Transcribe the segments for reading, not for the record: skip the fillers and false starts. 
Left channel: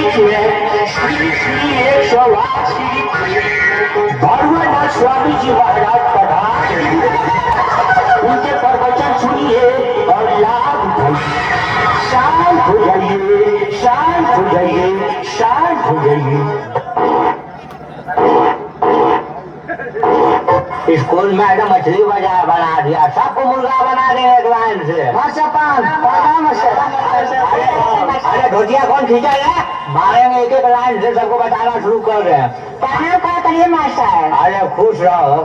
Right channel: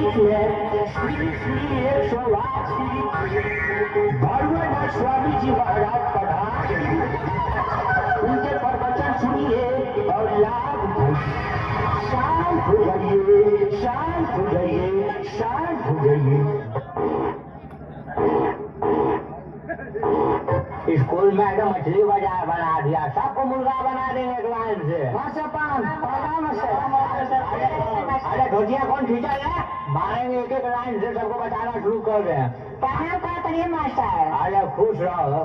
श्री श्री 180 भगवान स्वामी जी महाराज पधार, उनके प्रवचन सुनिए और लाभ उठाइए। शांत हो जाइए, शांत हो जाइए, शांत हो जाइए। स्कूल में आकर मछली बाजार बना दिया, सबको मुर्गा बना देंगे एक लाइन से। अरे धोतिया कौन खींचा है? मारेंगे एक एक लाइन से, सबको बताना शुरू कर रहे हैं। करिए मास्टर। अरे खुश रहो,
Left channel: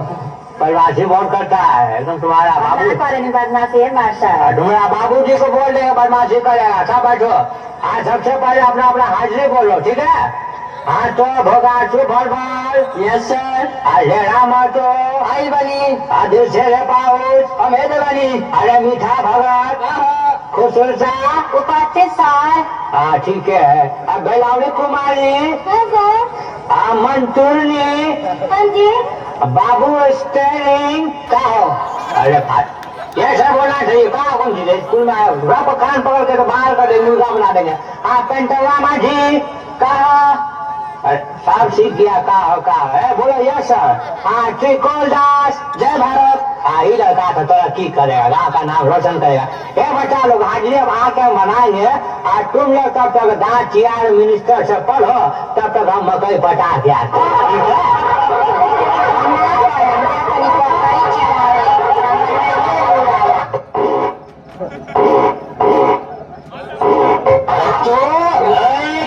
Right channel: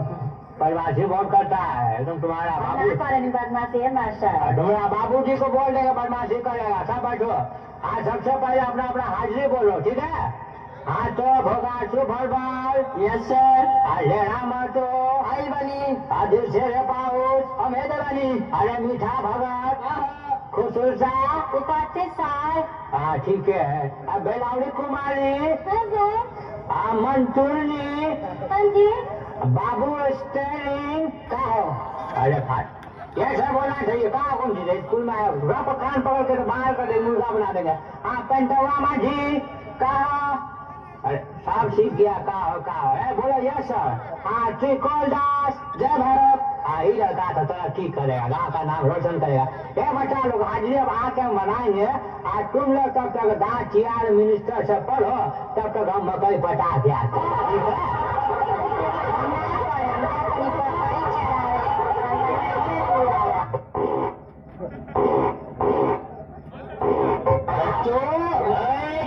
बदमाशी बहुत करता है एकदम तुम्हारा बाबू। बदमाशी है मास्टर। तुम्हारा बाबू जी को बोल देंगे बदमाशी करेगा। सब बैठो, आज सबसे पहले अपना अपना हाजिरी बोलो, ठीक है? हाँ तो भोगा सुभल बल। Yes sir. अरे मातो आई बनी, आदिल से पाउच अमेद बनी। अरे मीठा भगत खुशुलसा उपस्थित सर। हाँ ठीक है। अब बेलावड़ी कुमारी, मंतुरनी, हाँ जी। बाबू स्टेरिंग कहो। अरे ये सब बोलना चाहिए। कहा कौन सी स्कूल में आया, कान पकड़ के तो बाहर कर देंगे, मुर्गा बना देंगे। हाँ पेंटवा माझी कहा, सब सीख गया। कहा है बोलो यस सर। हाँ त्रिकोल दास जय भारत। हाँ ही लड़का था, तरक्की करेगा, गाँव का नाम रोशन करेगा। ये बच्चा लोग हाजिरी अब आके मनाएंगे। आज तुम लोग तब तक दांत चियार मिनिस्टर से पढ़ो, तब तक हम मकई पटा के आते हैं, ठीक है?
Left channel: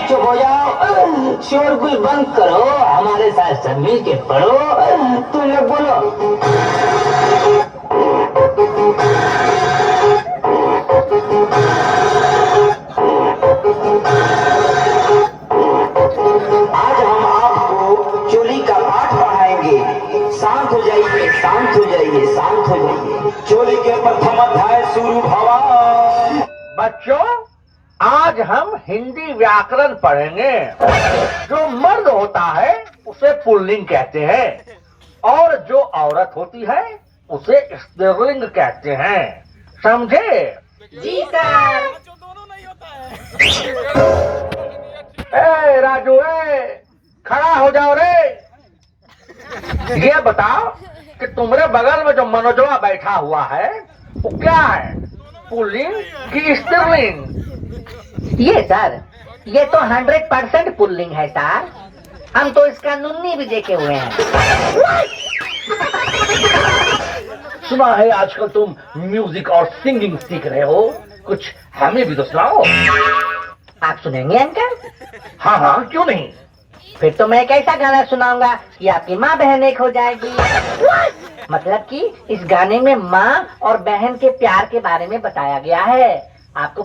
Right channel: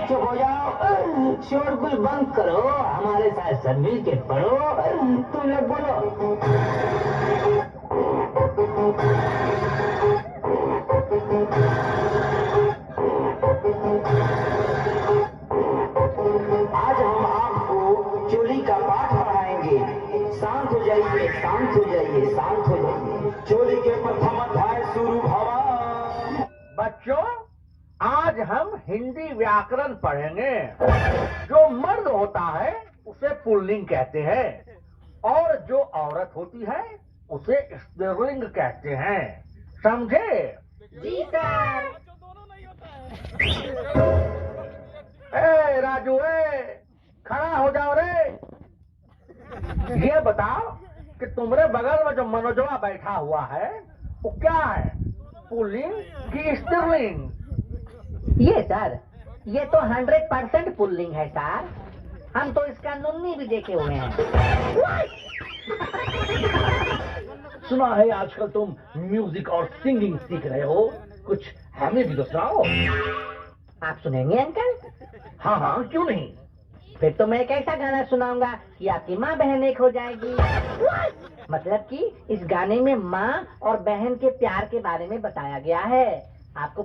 चुप हो जाओ, शोरगुल बंद करो, हमारे साथ सब मिल के पढ़ो। तुम लोग बोलो। आज हम आपको चोली का पाठ पढ़ाएंगे। शांत हो जाइए, शांत हो जाइए, शांत हो जाइए। चोली के प्रथम अध्याय शुरू भवा। बच्चों, आज हम हिंदी व्याकरण पढ़ेंगे। जो मर्द होता है उसे पुल्लिंग कहते हैं, और जो औरत होती है उसे स्त्रीलिंग कहते हैं। समझे? जी सर। ए राजू, खड़ा हो जाओ रे। ये बताओ कि तुम्हारे बगल में जो मनोजवा बैठा हुआ है वो क्या है, पुल्लिंग की स्त्रीलिंग? ये सर, ये तो 100% पुल्लिंग है सर। हम तो इसका नुन्नी भी देखे हुए हैं। सुना है आजकल तुम म्यूजिक और सिंगिंग सीख रहे हो, कुछ हमें भी तो सुनाओ। आप सुनेंगे अंकल? हाँ हाँ, क्यों नहीं। फिर तो मैं कैसा गाना सुनाऊंगा कि आपकी माँ बहन एक हो जाएगी। मतलब कि इस गाने में माँ और बहन के प्यार के बारे में बताया गया है। आपको